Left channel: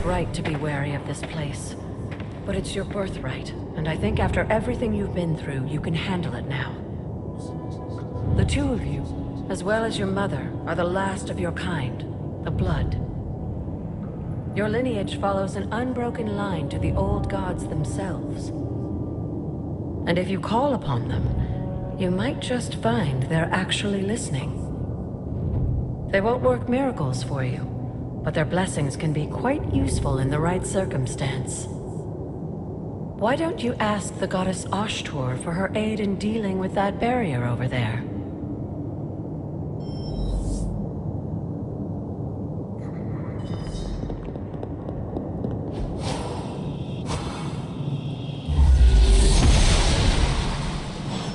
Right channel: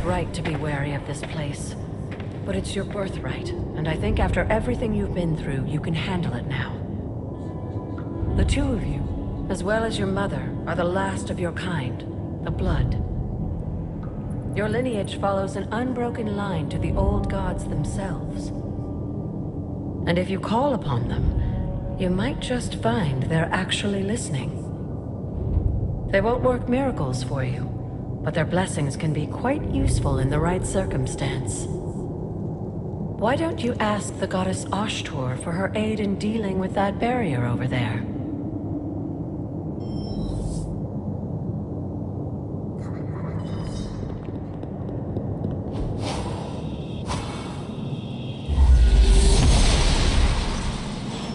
it's right to be wary of this place. But it's your birthright, and I think after everything you've been through, you can handle it now. The two of you, as well as your mother, are the last of your kind, the Blood. Your lineage follows an unbroken line to the old gods themselves. And if you call upon them, you might just find they're actually listening. They won't work miracles for you, but their blessings can be quite useful in the right circumstance. Why don't you ask the goddess Ashtor for her aid in dealing with that barrier over there?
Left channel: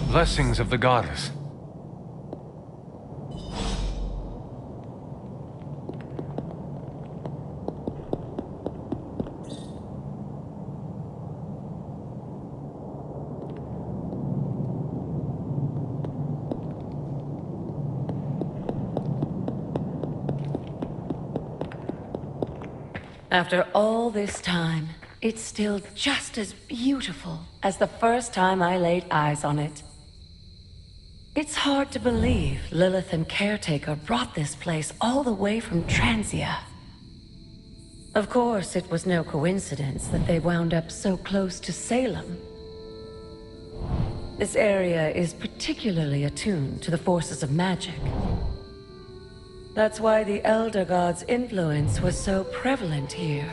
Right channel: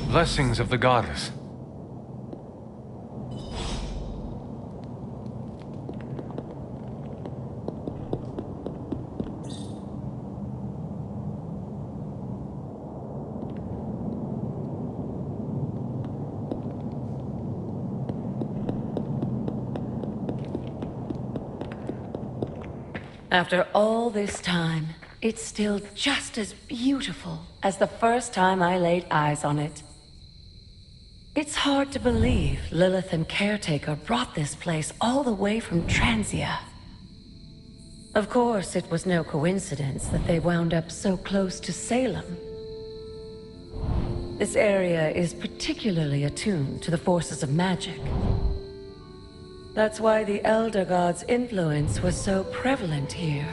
Blessings of the goddess. After all this time, it's still just as beautiful as the first time I laid eyes on it. It's hard to believe Lilith and Caretaker brought this place all the way from Transia. Of course, it was no coincidence that they wound up so close to Salem. This area is particularly attuned to the forces of magic. That's why the Elder God's influence was so prevalent here.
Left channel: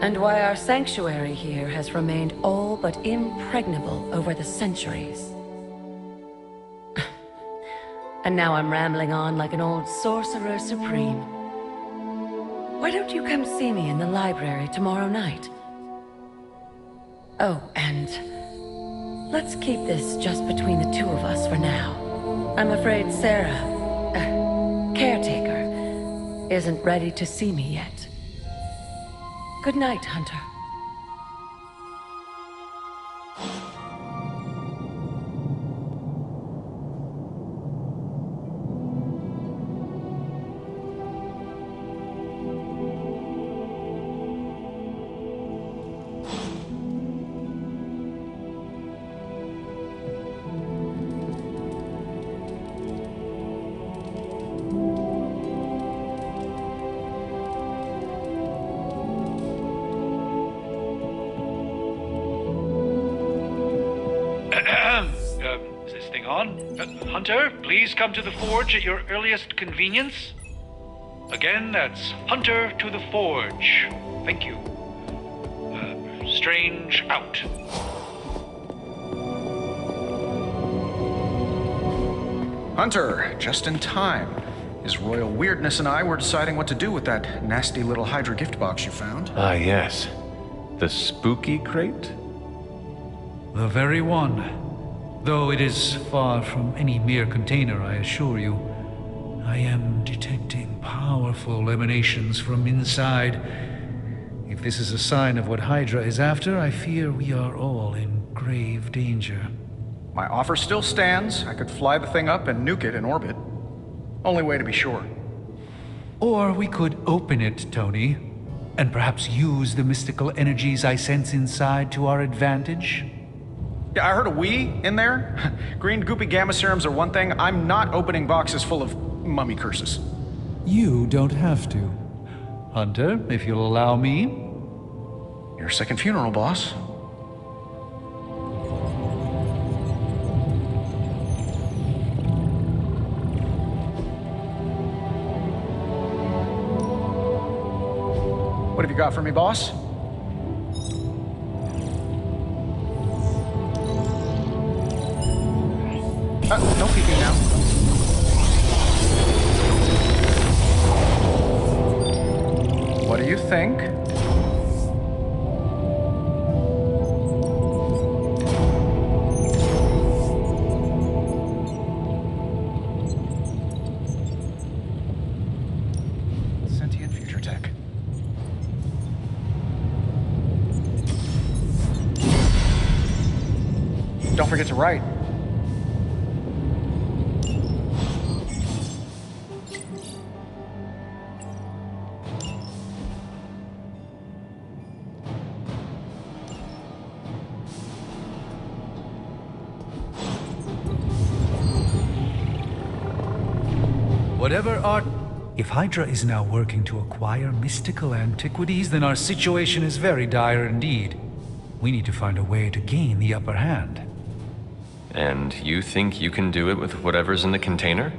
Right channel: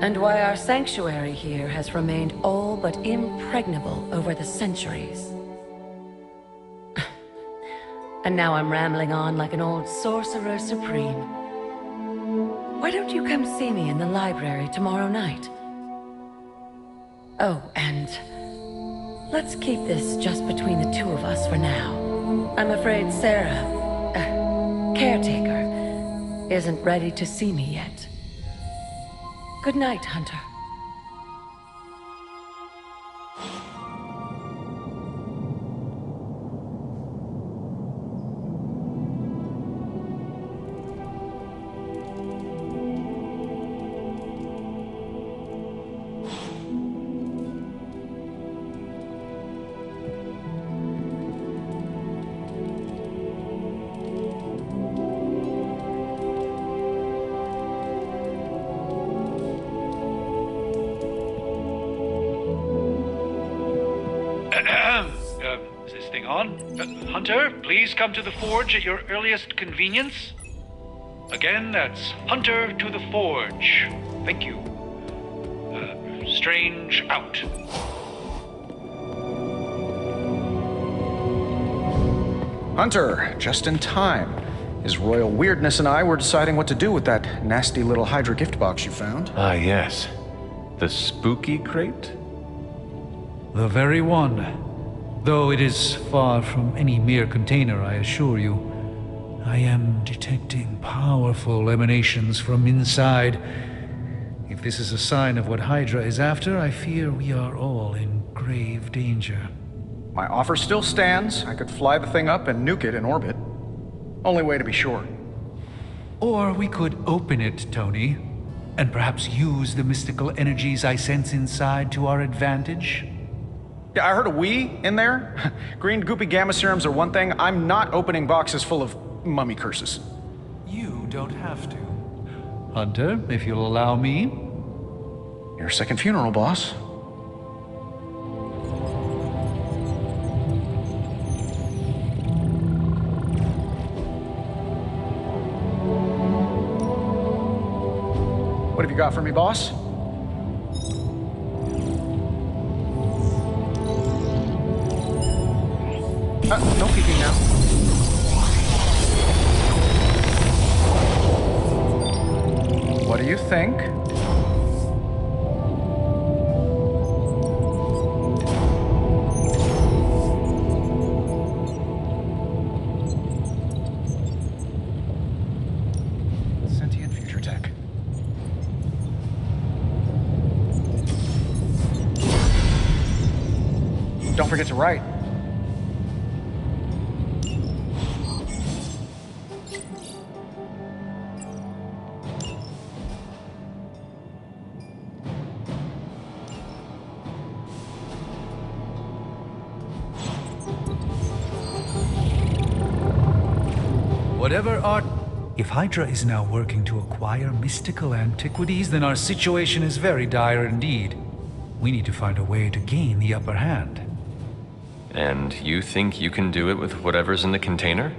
And why our sanctuary here has remained all but impregnable over the centuries. And now I'm rambling on like an old sorcerer supreme. Why don't you come see me in the library tomorrow night? Oh, and let's keep this just between the two of us for now. I'm afraid Sarah, Caretaker, isn't ready to see me yet. Good night, Hunter. Is this thing on? Hunter, please come to the forge at your earliest convenience. Again, that's Hunter to the forge. Thank you. Strange out. Hunter, just in time. His royal weirdness and I were deciding what to do with that nasty little Hydra gift box you found. Ah, yes. The spooky crate? The very one. Though it is far from any mere container, I assure you. I am detecting powerful emanations from inside. If this is a sign of what Hydra is after, I fear we are all in grave danger. My offer still stands. I could fly the thing up and nuke it in orbit. Only way to be sure. Or we could open it, Tony, and perhaps use the mystical energies I sense inside to our advantage. Yeah, I heard a "we" in there. Green goopy gamma serums are one thing. I'm not opening boxes full of mummy curses. You don't have to. Hunter, if you'll allow me. Your second funeral, boss. What have you got for me, boss? No peeking now. What do you think? Sentient future tech. Don't forget to write. Whatever art... If Hydra is now working to acquire mystical antiquities, then our situation is very dire indeed. We need to find a way to gain the upper hand. And you think you can do it with whatever's in the container?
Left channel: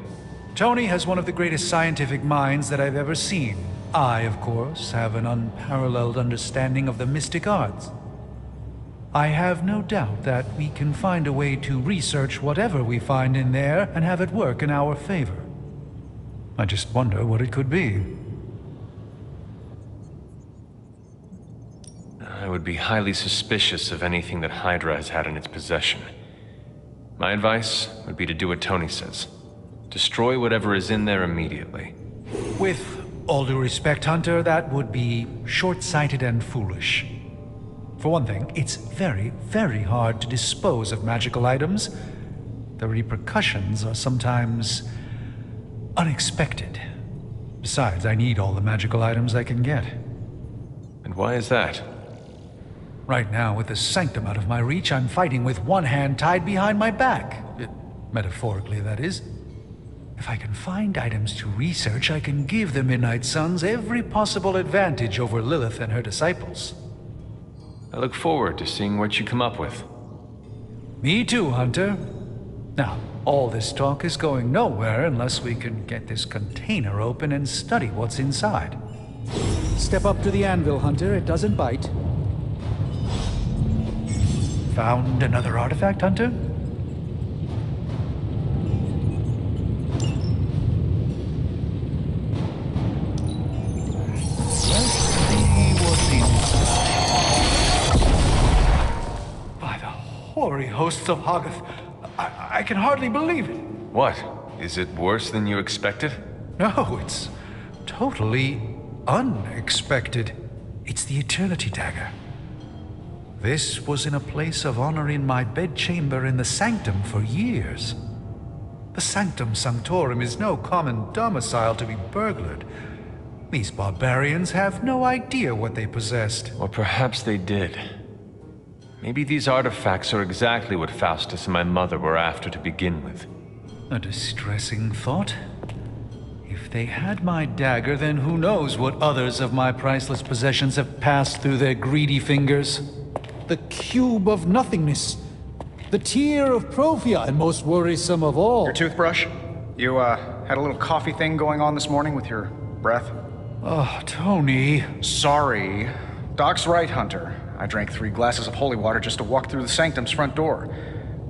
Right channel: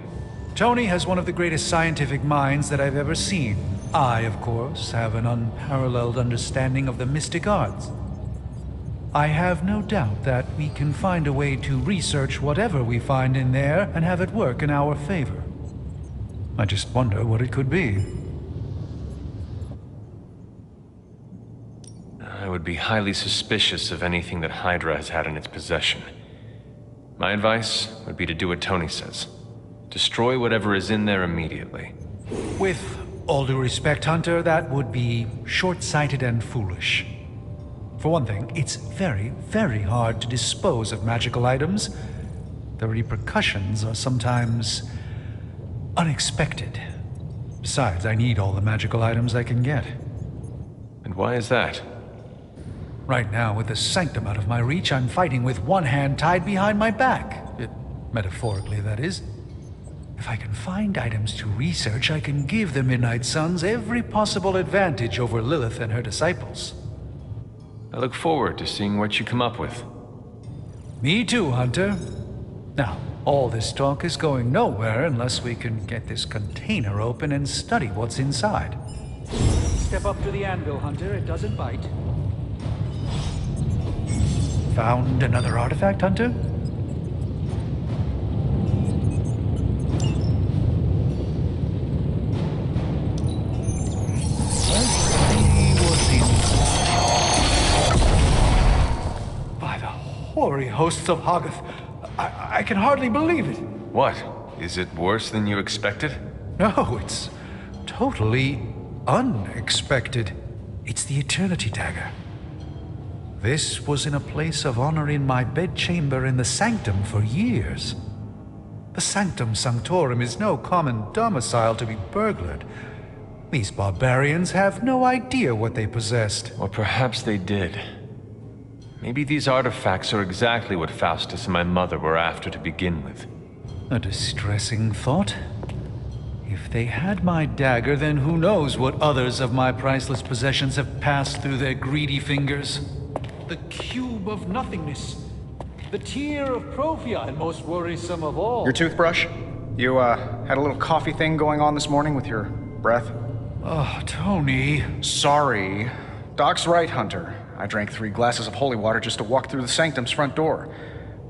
Tony has one of the greatest scientific minds that I've ever seen. I, of course, have an unparalleled understanding of the mystic arts. I have no doubt that we can find a way to research whatever we find in there and have it work in our favor. I just wonder what it could be. I would be highly suspicious of anything that Hydra has had in its possession. My advice would be to do what Tony says. Destroy whatever is in there immediately. With all due respect, Hunter, that would be short-sighted and foolish. For one thing, it's very, very hard to dispose of magical items. The repercussions are sometimes unexpected. Besides, I need all the magical items I can get. And why is that? Right now, with the sanctum out of my reach, I'm fighting with one hand tied behind my back. Metaphorically, that is. If I can find items to research, I can give the Midnight Suns every possible advantage over Lilith and her disciples. I look forward to seeing what you come up with. Me too, Hunter. Now, all this talk is going nowhere unless we can get this container open and study what's inside. Step up to the anvil, Hunter. It doesn't bite. Found another artifact, Hunter? Let's see what's inside. By the hoary hosts of Hoggoth, I can hardly believe it. What? Is it worse than you expected? No, it's totally unexpected. It's the Eternity Dagger. This was in a place of honor in my bedchamber in the Sanctum for years. The Sanctum Sanctorum is no common domicile to be burglared. These barbarians have no idea what they possessed. Or perhaps they did. Maybe these artifacts are exactly what Faustus and my mother were after to begin with. A distressing thought. If they had my dagger, then who knows what others of my priceless possessions have passed through their greedy fingers. The cube of nothingness. The tear of Prophia, and most worrisome of all. Your toothbrush? You, had a little coffee thing going on this morning with your breath? Oh, Tony. Sorry. Doc's right, Hunter. I drank 3 glasses of holy water just to walk through the Sanctum's front door.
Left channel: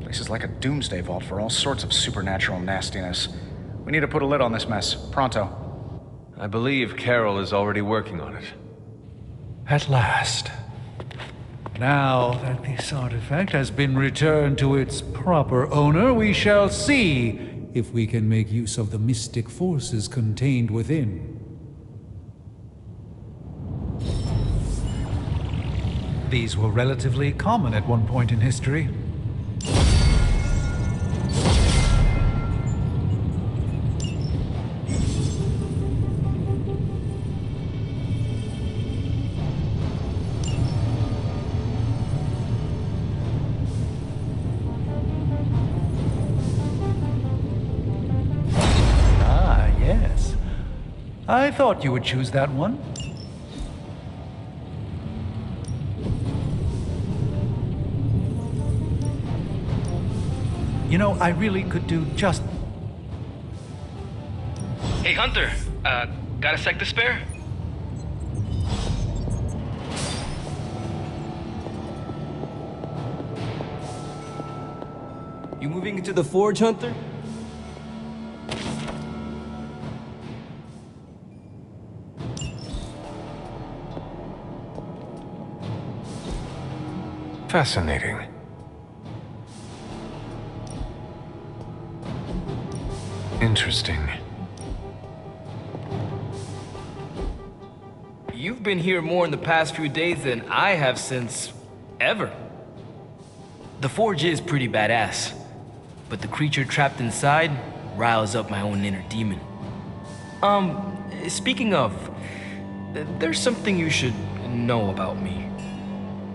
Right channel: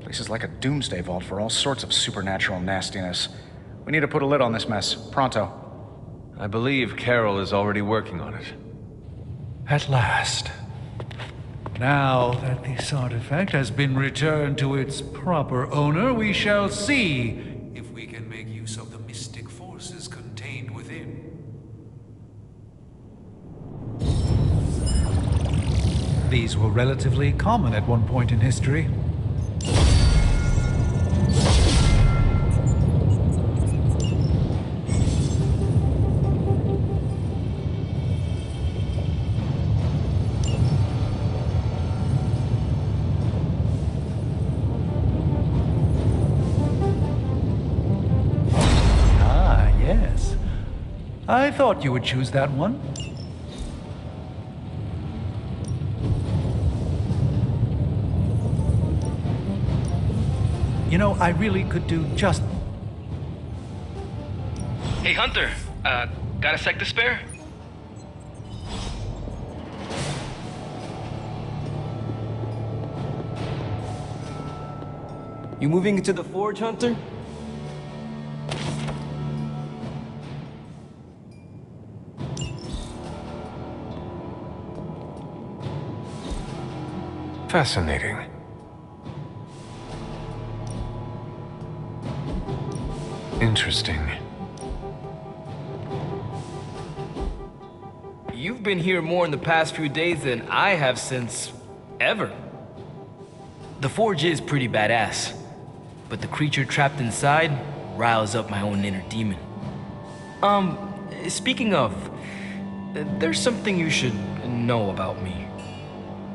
Place is like a doomsday vault for all sorts of supernatural nastiness. We need to put a lid on this mess. Pronto. I believe Carol is already working on it. At last. Now that this artifact has been returned to its proper owner, we shall see if we can make use of the mystic forces contained within. These were relatively common at one point in history. Ah, yes. I thought you would choose that one. You know, I really could do just... Hey, Hunter. Got a sec to spare? You moving into the forge, Hunter? Fascinating. Interesting. You've been here more in the past few days than I have since ever. The forge is pretty badass, but the creature trapped inside riles up my own inner demon. Speaking of, there's something you should know about me.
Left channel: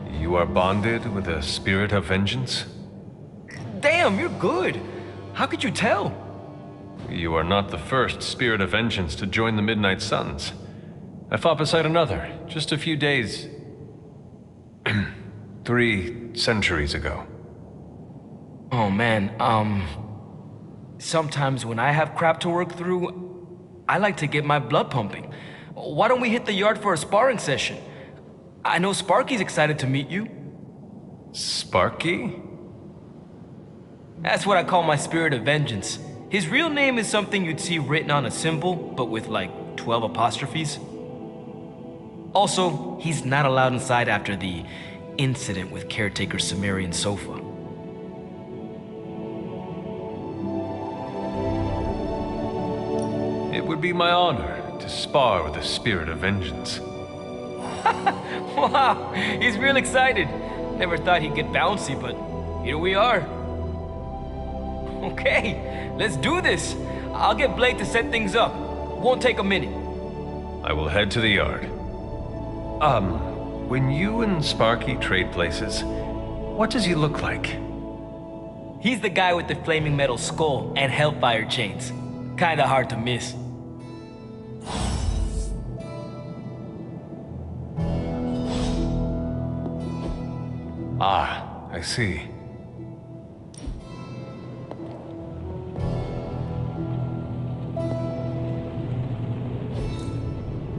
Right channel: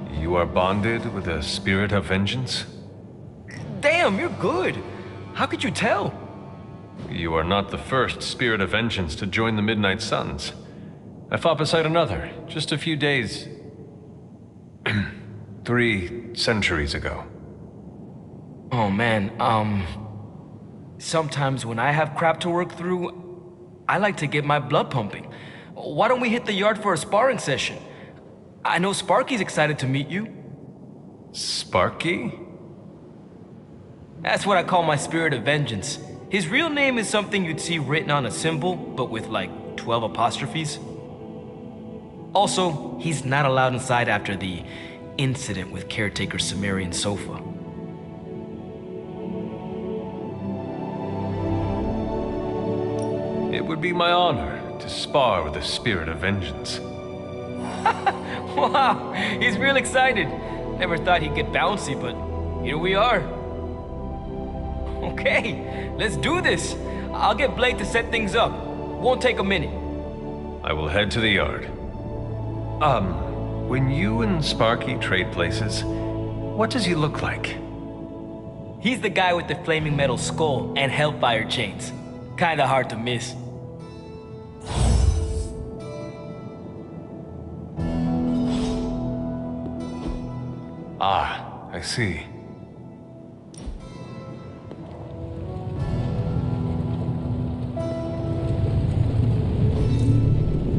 You are bonded with a spirit of vengeance? Damn, you're good. How could you tell? you are not the first spirit of vengeance to join the Midnight Suns. I fought beside another, just a few days... 3 centuries ago. Oh man, sometimes when I have crap to work through, I like to get my blood pumping. Why don't we hit the yard for a sparring session? I know Sparky's excited to meet you. Sparky? That's what I call my spirit of vengeance. His real name is something you'd see written on a symbol, but with like 12 apostrophes. Also, he's not allowed inside after the incident with caretaker Sumerian sofa. It would be my honor to spar with the spirit of vengeance. Wow, he's real excited. Never thought he'd get bouncy, but here we are. Okay, let's do this. I'll get Blake to set things up. Won't take a minute. I will head to the yard. When you and Sparky trade places, what does he look like? He's the guy with the flaming metal skull and hellfire chains. Kinda hard to miss. Ah, I see.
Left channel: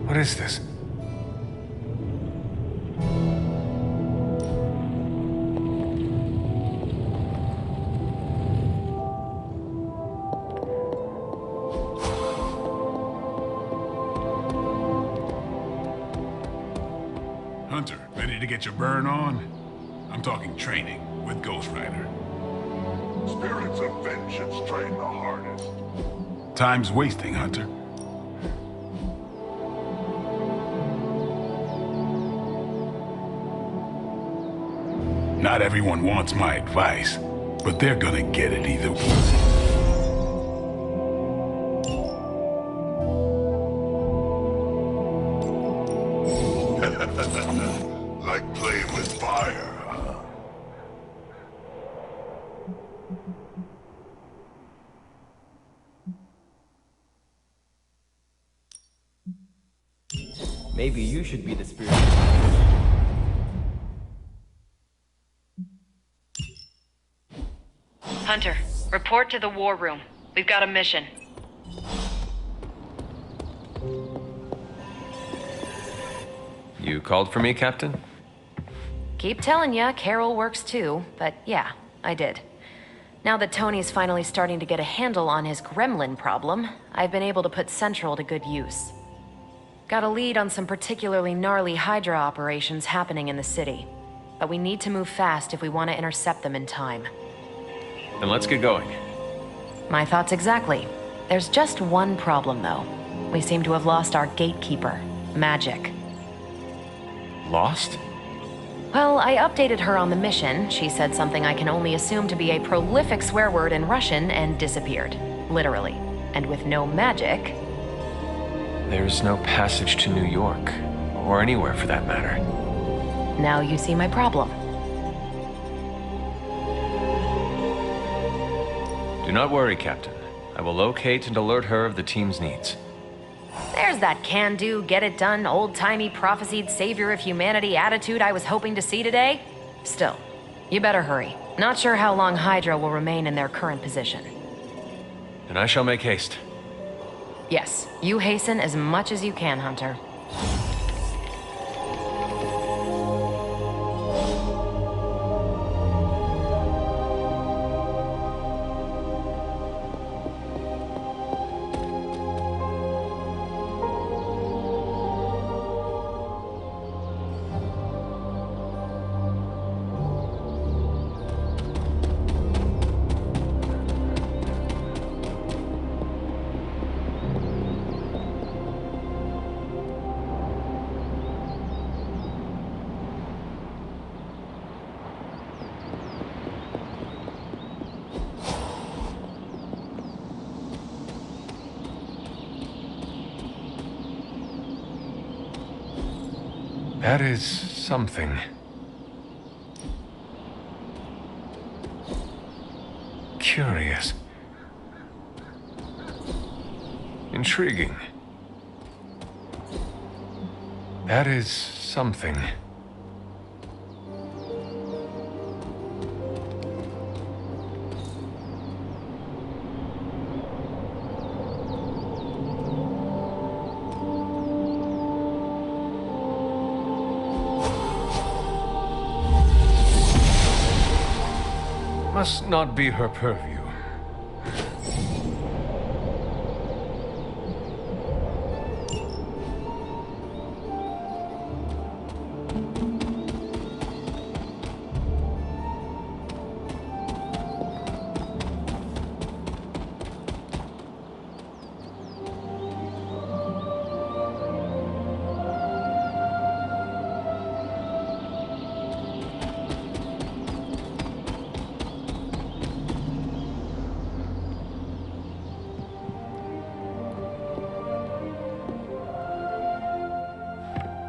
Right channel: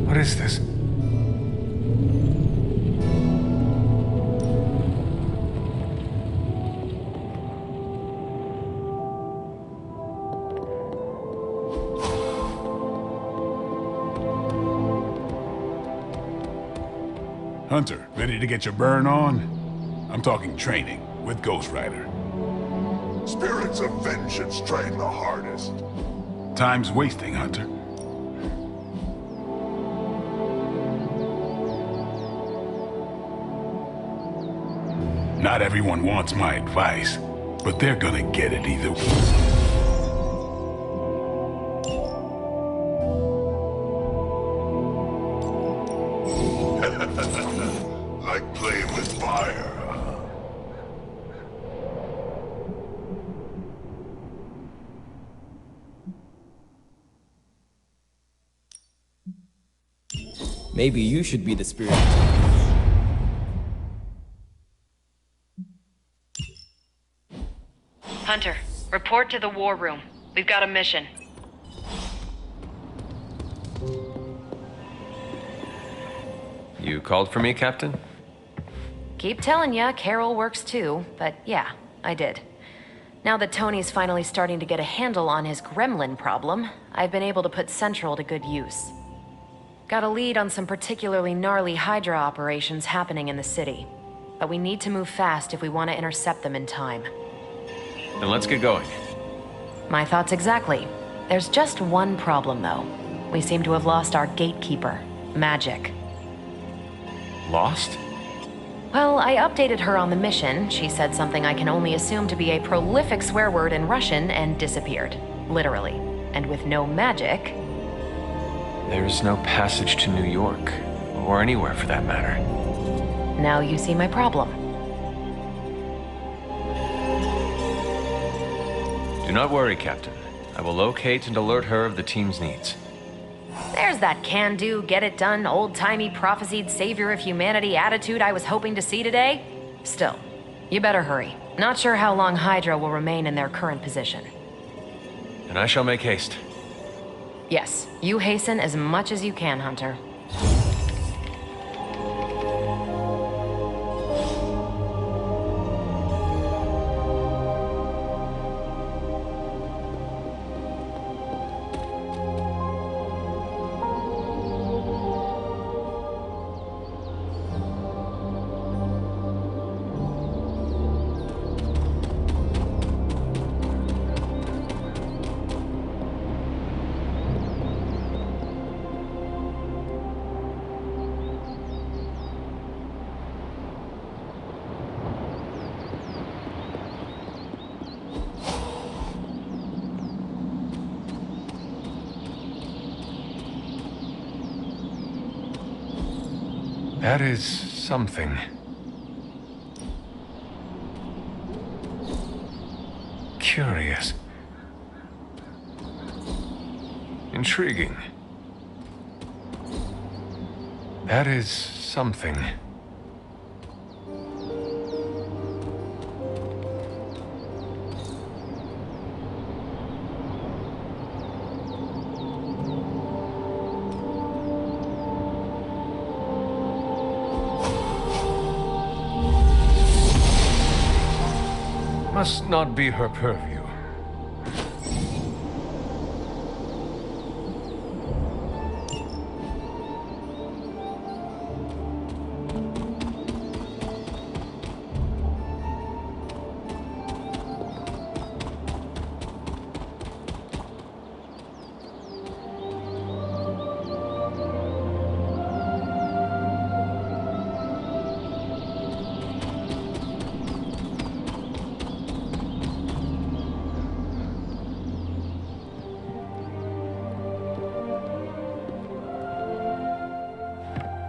What is this? Hunter, ready to get your burn on? I'm talking training with Ghost Rider. Spirits of vengeance train the hardest. Time's wasting, Hunter. Not everyone wants my advice, but they're gonna get it either way. Like playing with fire, huh? Maybe you should be the spirit. Hunter, report to the war room. We've got a mission. You called for me, Captain? Keep telling ya, Carol works too, but yeah, I did. Now that Tony's finally starting to get a handle on his gremlin problem, I've been able to put Central to good use. Got a lead on some particularly gnarly Hydra operations happening in the city. But we need to move fast if we want to intercept them in time. Then let's get going. My thoughts exactly. There's just one problem, though. We seem to have lost our gatekeeper, Magic. Lost? Well, I updated her on the mission. She said something I can only assume to be a prolific swear word in Russian and disappeared. Literally. And with no magic... There's no passage to New York, or anywhere for that matter. Now you see my problem. Do not worry, Captain. I will locate and alert her of the team's needs. There's that can-do, get-it-done, old-timey prophesied savior of humanity attitude I was hoping to see today. Still, you better hurry. Not sure how long Hydra will remain in their current position. And I shall make haste. Yes, you hasten as much as you can, Hunter. That is something. Curious. Intriguing. That is something. Must not be her purview.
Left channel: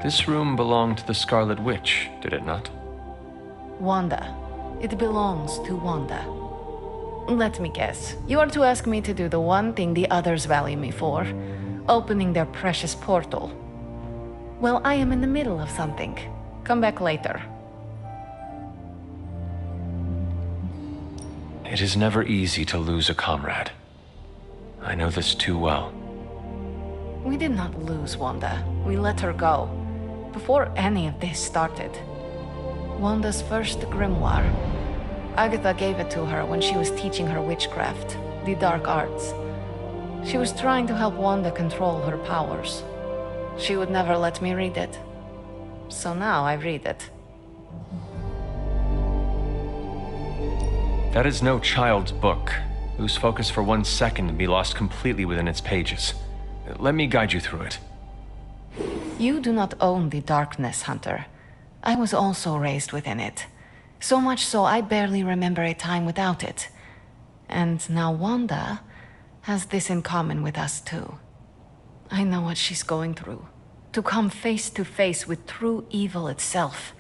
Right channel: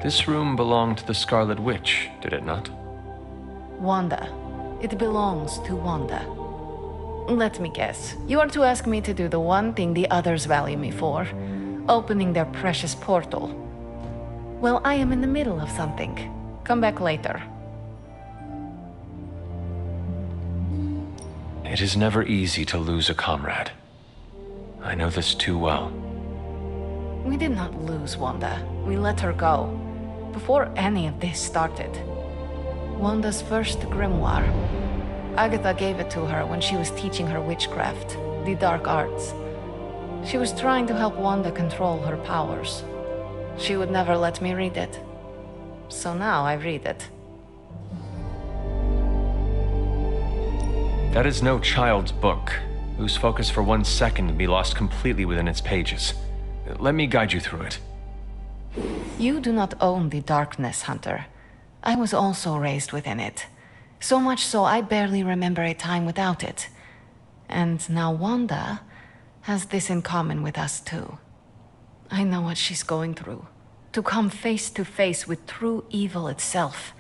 This room belonged to the Scarlet Witch, did it not? Wanda. It belongs to Wanda. Let me guess. You are to ask me to do the one thing the others value me for, opening their precious portal. Well, I am in the middle of something. Come back later. It is never easy to lose a comrade. I know this too well. We did not lose Wanda. We let her go. Before any of this started. Wanda's first grimoire. Agatha gave it to her when she was teaching her witchcraft, the dark arts. She was trying to help Wanda control her powers. She would never let me read it. So now I read it. That is no child's book, whose focus for 1 second can be lost completely within its pages. Let me guide you through it. You do not own the darkness, Hunter. I was also raised within it. So much so I barely remember a time without it. And now Wanda has this in common with us too. I know what she's going through. To come face to face with true evil itself.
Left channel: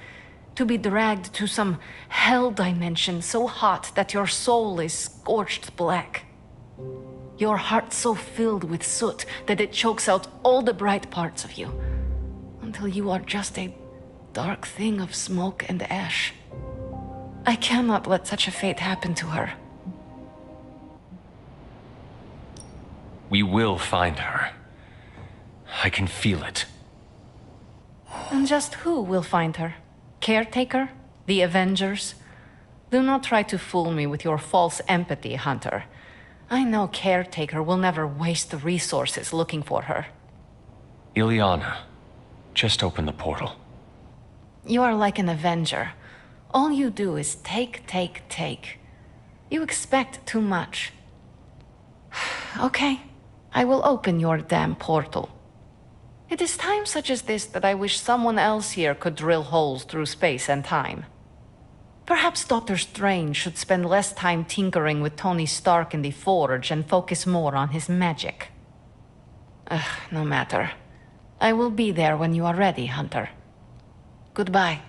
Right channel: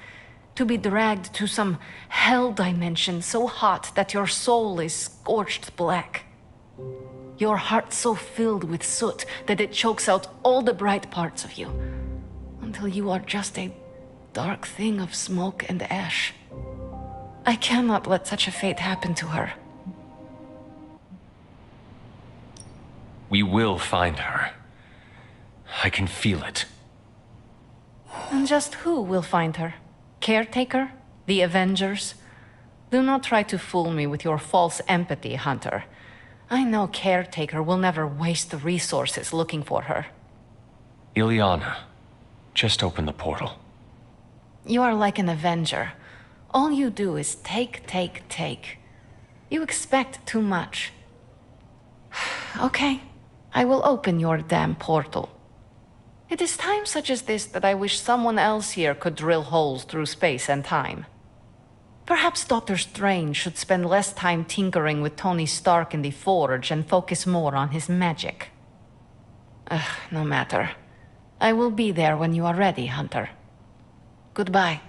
To be dragged to some hell dimension so hot that your soul is scorched black. Your heart so filled with soot that it chokes out all the bright parts of you. Until you are just a dark thing of smoke and ash. I cannot let such a fate happen to her. We will find her. I can feel it. And just who will find her? Caretaker? The Avengers? Do not try to fool me with your false empathy, Hunter. I know Caretaker will never waste the resources looking for her. Ileana, just open the portal. You are like an Avenger. All you do is take, take, take. You expect too much. Okay, I will open your damn portal. It is times such as this that I wish someone else here could drill holes through space and time. Perhaps Doctor Strange should spend less time tinkering with Tony Stark in the Forge and focus more on his magic. No matter. I will be there when you are ready, Hunter. Goodbye.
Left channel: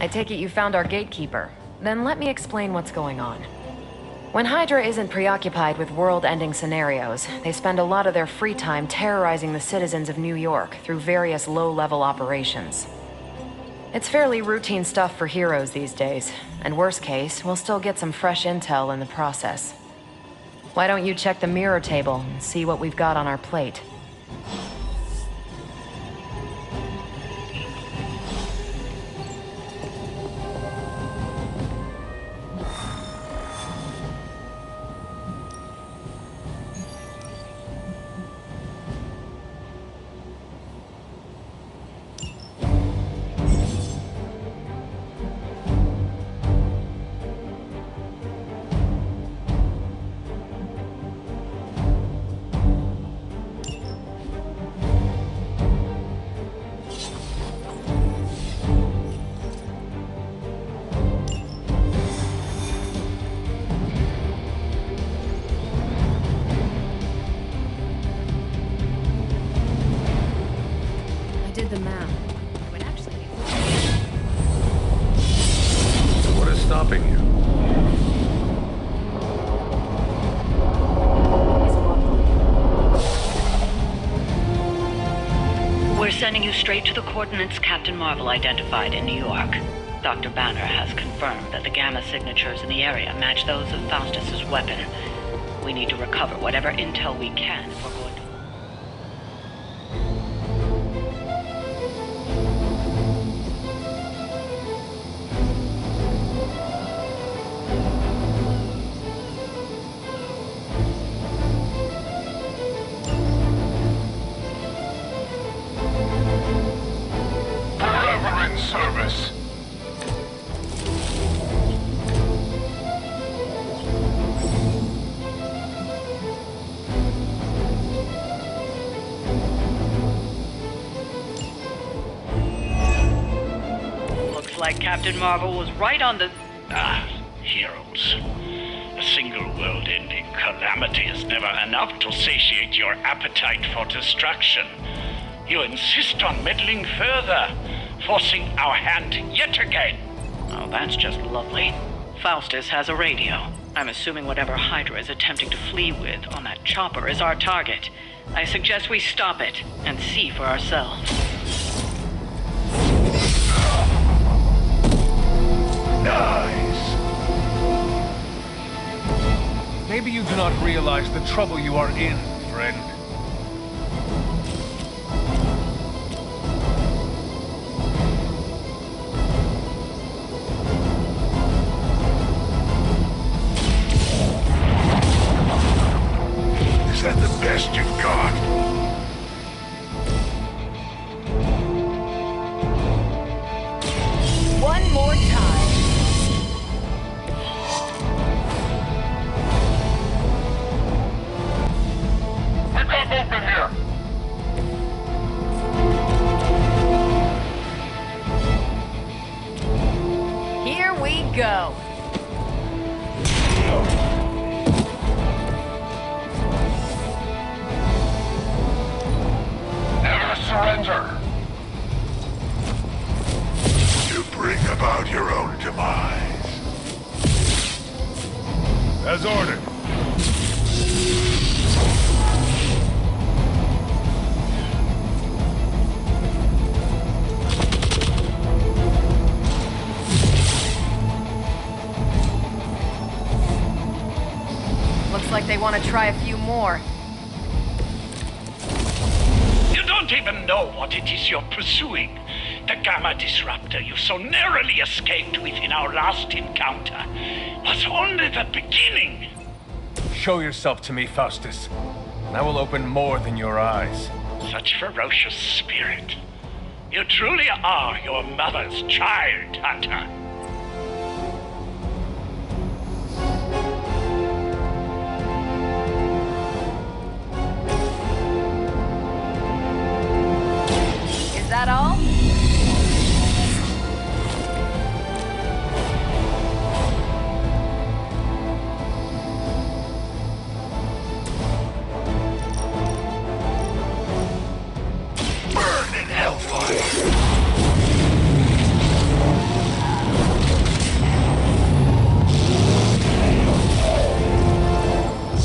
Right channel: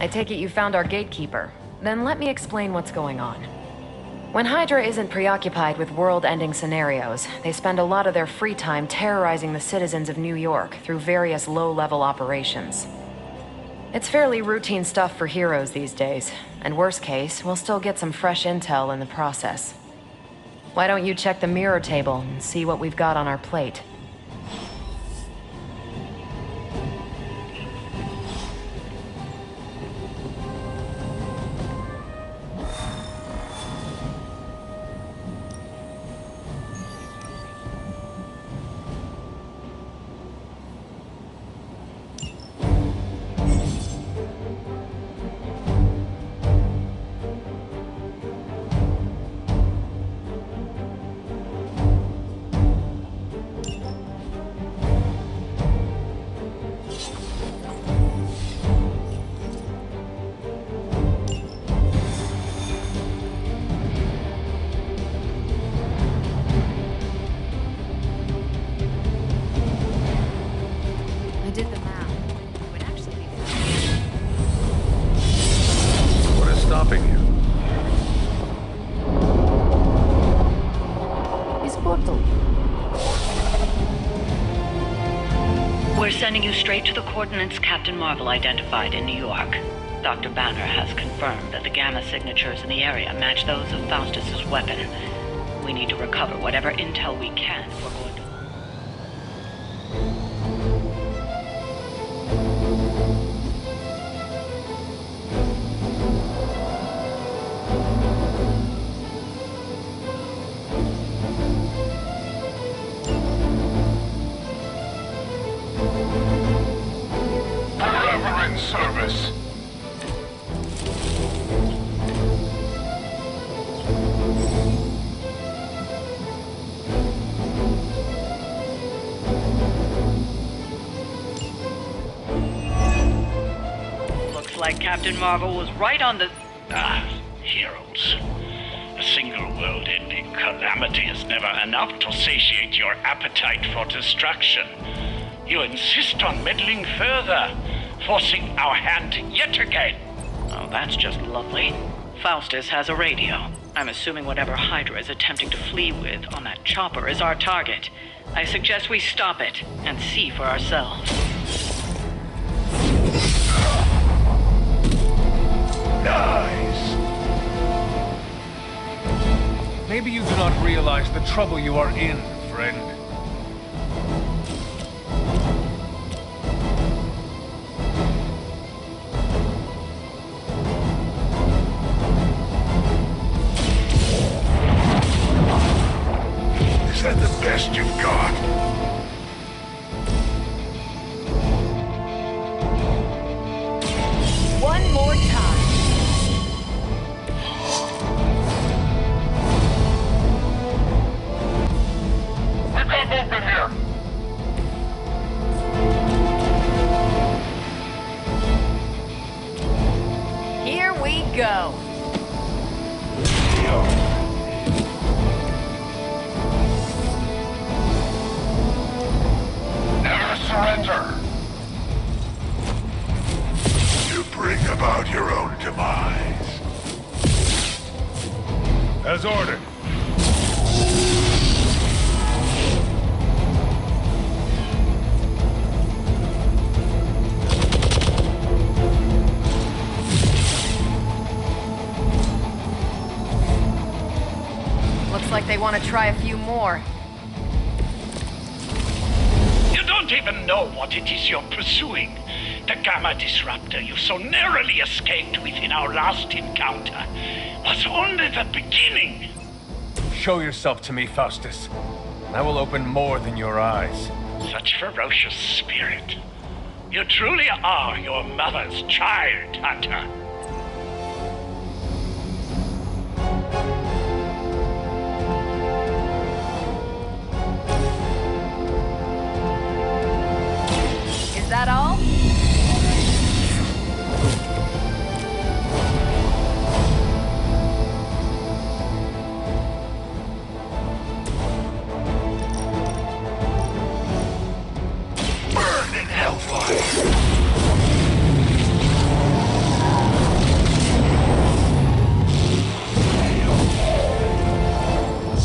I take it you found our gatekeeper. Then let me explain what's going on. When Hydra isn't preoccupied with world-ending scenarios, they spend a lot of their free time terrorizing the citizens of New York through various low-level operations. It's fairly routine stuff for heroes these days, and worst case, we'll still get some fresh intel in the process. Why don't you check the mirror table and see what we've got on our plate? We're sending you straight to the coordinates Captain Marvel identified in New York. Dr. Banner has confirmed that the gamma signatures in the area match those of Faustus's weapon. We need to recover whatever intel we can if we're going to... Forever in service. Looks like Captain Marvel was right on the... Heroes. A single world-ending calamity is never enough to satiate your appetite for destruction. You insist on meddling further, forcing our hand yet again. Oh, that's just lovely. Faustus has a radio. I'm assuming whatever Hydra is attempting to flee with on that chopper is our target. I suggest we stop it and see for ourselves. Nice. Maybe you do not realize the trouble you are in, friend. Is that the best you've got? One more time. We got movement here. Here we go. Never surrender. You bring about your own demise. As ordered. Looks like they want to try a few more. You don't even know what it is you're pursuing. The gamma disruptor you so narrowly escaped with in our last encounter was only the beginning. Show yourself to me, Faustus, and I will open more than your eyes. Such ferocious spirit. You truly are your mother's child, Hunter. Is that all? Burn in hellfire.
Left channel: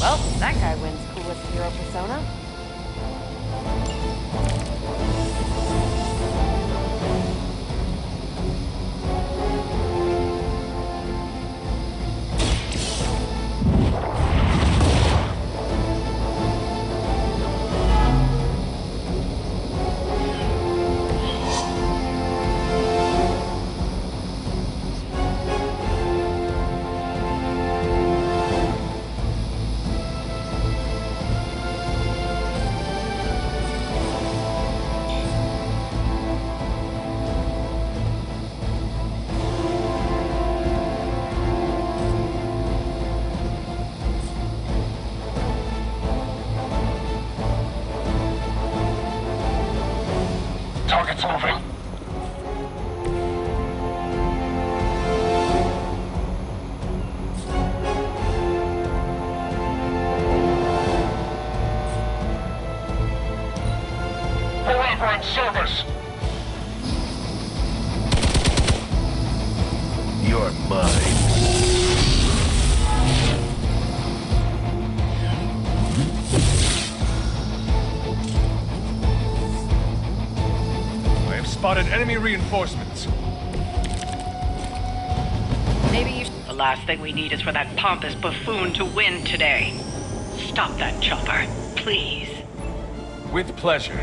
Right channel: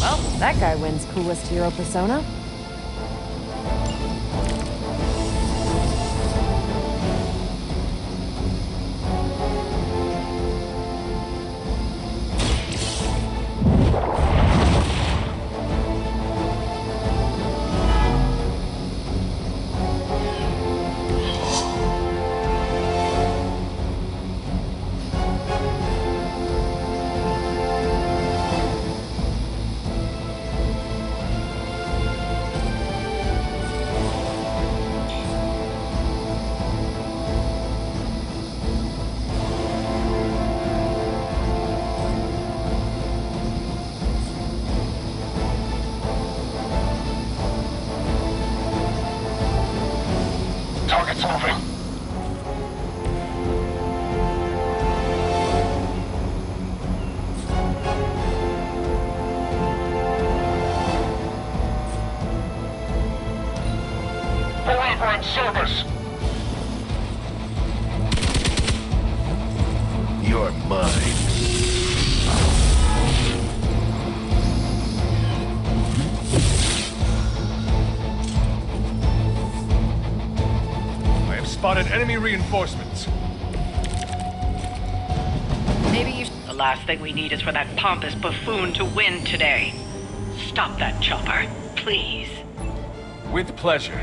Well, that guy wins coolest hero persona. Target's moving. Forever in service. You're mine. spotted enemy reinforcements. Maybe you The last thing we need is for that pompous buffoon to win today. Stop that chopper, please. With pleasure.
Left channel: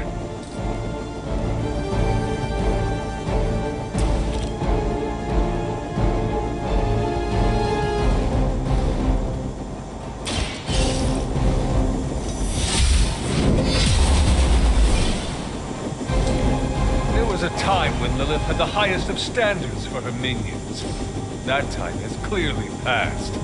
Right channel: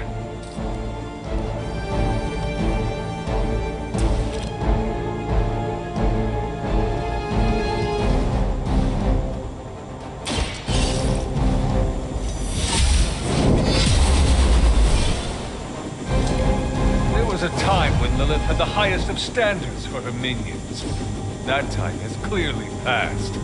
There was a time when Lilith had the highest of standards for her minions. That time has clearly passed.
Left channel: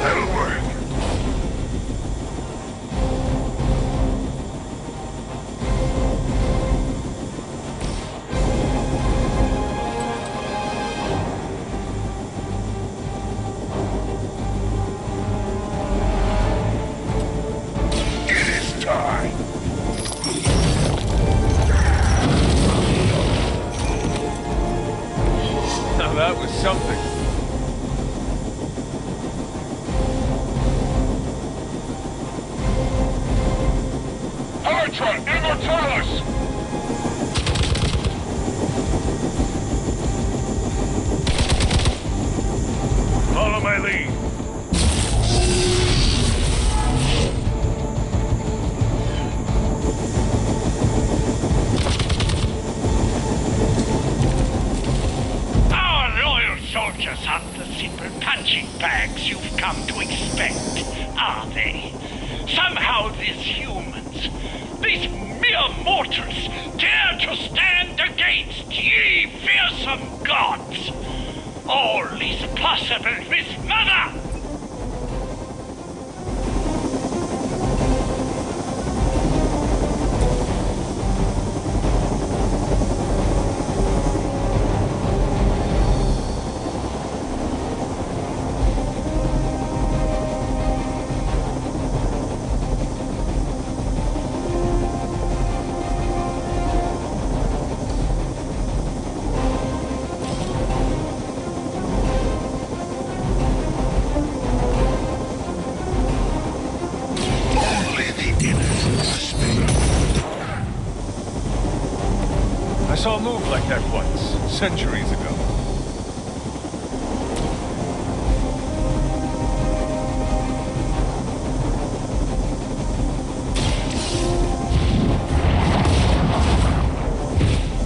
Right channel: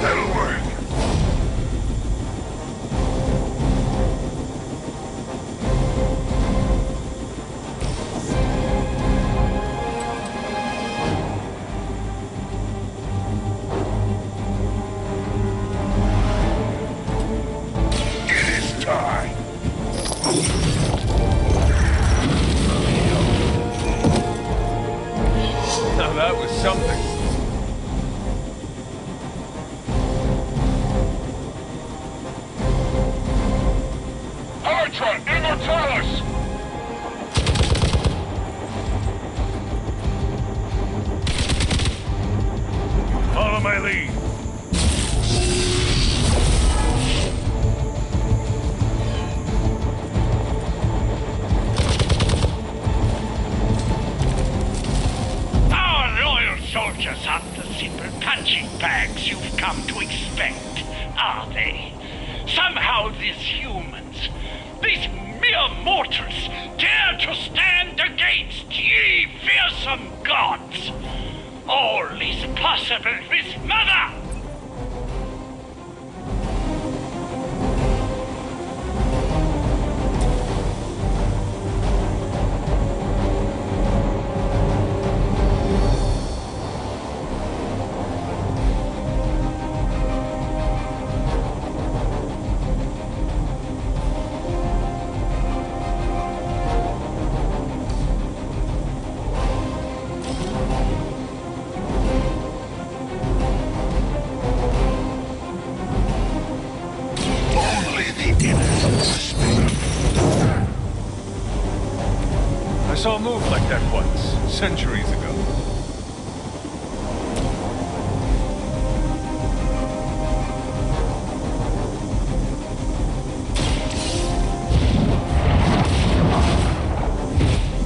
That'll work. It is time. Now that was something. Ultra Immortalis! Follow my lead. Our loyal soldiers aren't the simple punching bags you've come to expect, are they? Somehow these humans, these mere mortals, dare to stand against ye fearsome gods. All is possible with Mother! Only the innocent speak. I saw a move like that once, centuries ago.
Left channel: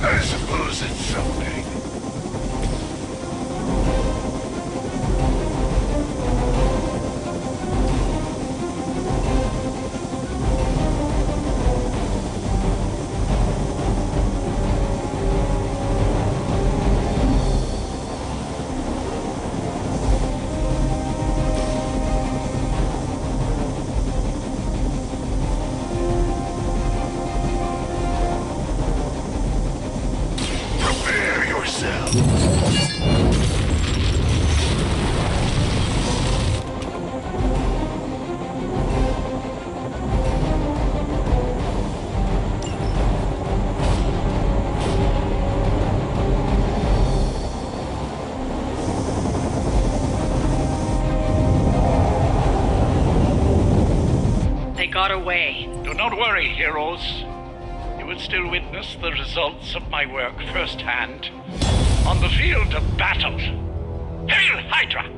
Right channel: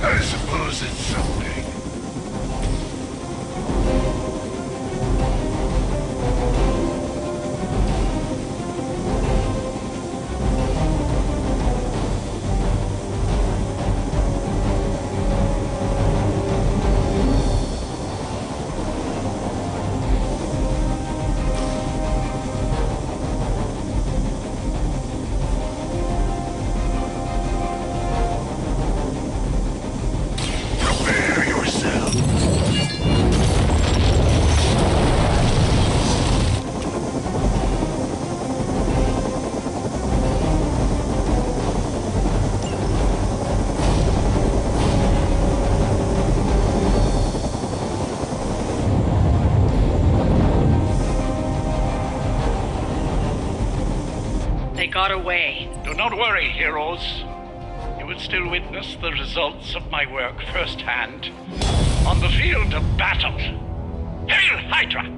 I suppose it's something. Prepare yourself. They got away. Do not worry, heroes. You will still witness the results of my work firsthand on the field of battle. Hail Hydra!